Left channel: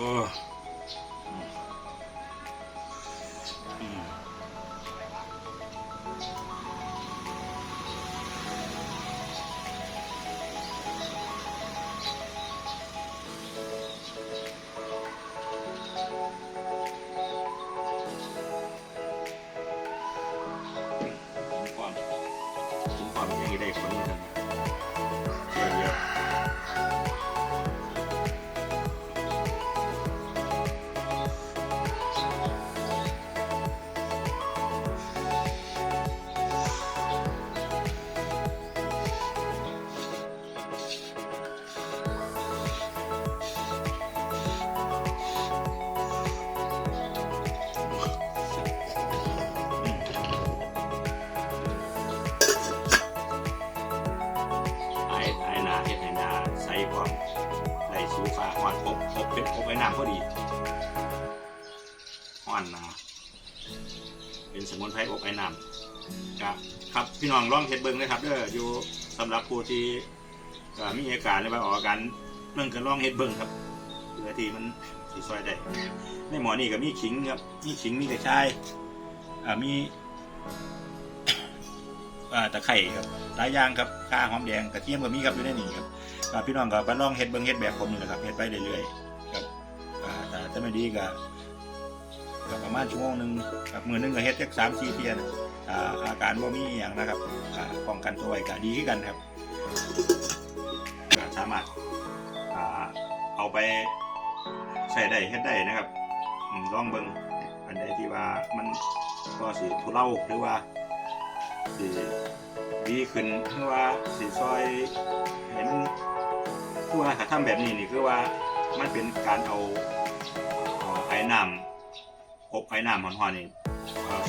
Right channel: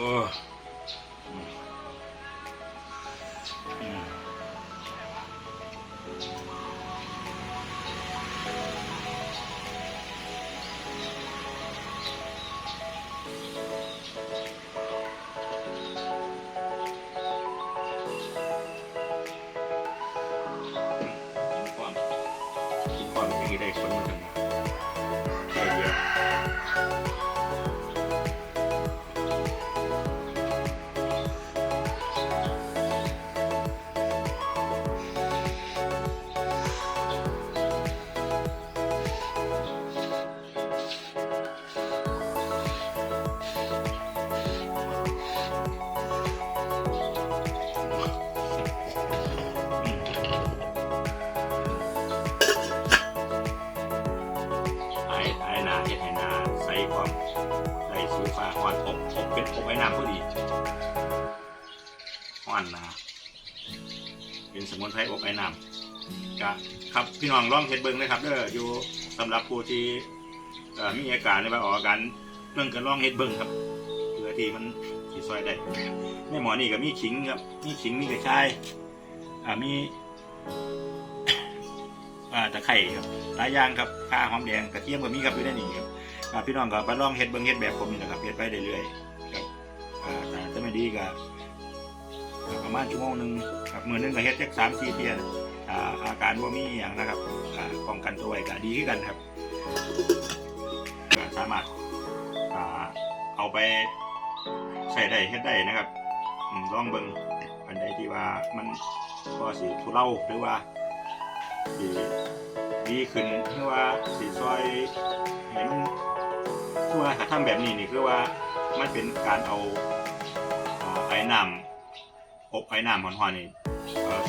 กินก่อนกินก่อนให้ได้ผล ใส่ชิวฟ้าหอนอบอบเป็นอบไอ้น้ำพอดีหอนนาเป็นสมุนไพรอบไอ้น้ำก็ครับพี่น้องลองเฮ็ดเบิ่งเลยครับเด้ออยู่สำหรับผู้ที่มีอาการในบางออกอาการเรื่องกันลองเฮ็ดเบิ่งครับเพื่อที่มันสิซอยได้ในหมอนี่ก็มีขิงครับมีขิงมีกระชายอ่ามี ตะไคร่ครับหลายอย่างครับข้าหอมแดงกระเทียมก็มีครับอยู่ในนี้ครับพี่น้องก็ไปลองเฮ็ดเบิ่งเฮ็ดแบบผมนี่แหละครับเฮ็ดไปเรื่อยๆครับอ่าแต่ไม่ดีก็ประมาณชั่วโมงหนึงครับมื้อหนึงก็เฮ็ดจัก3 4เที่ยนอ่าอาการบ่มีหยังนะครับอ่าป้องกันตัวก็ดีคือกันครับสามารถอ่าเอาไปใช้ได้เฮ็ดได้นะครับลองเบิ่งอันใดที่ว่ามันพอสิทุเลาหรือว่า สีดีขึ้นคือว่าสีซอยเห็นคือว่าถ้าทำแบบนี้นี่คือว่ามันเป็นการเอาไอ้น้ำอบไอ้น้ำหอนๆนี่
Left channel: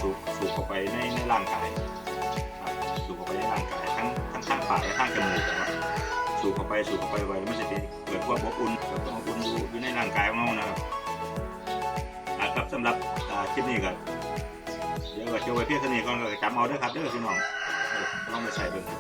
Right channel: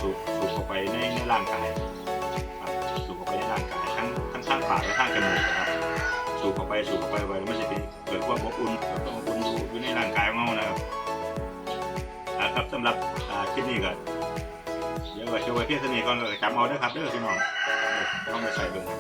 สูบสูบเข้าไปในในร่างกายครับสูบเข้าไปในร่างกายทั้งทั้งข้างปากและข้างจมูกนะครับ สูบเข้าไปสูบเข้าไปไปแล้วมันจะเป็นเกิดความอบอุ่นเกิดความอบอุ่นอยู่ในร่างกายของเรานะครับครับสำหรับคลิปนี้ก็ เดี๋ยวก็โชว์ไว้เพียงเท่านี้ก่อนเราจะจำเอาเด้อครับเด้อพี่น้องเออลองไปใส่เบิ่งครับ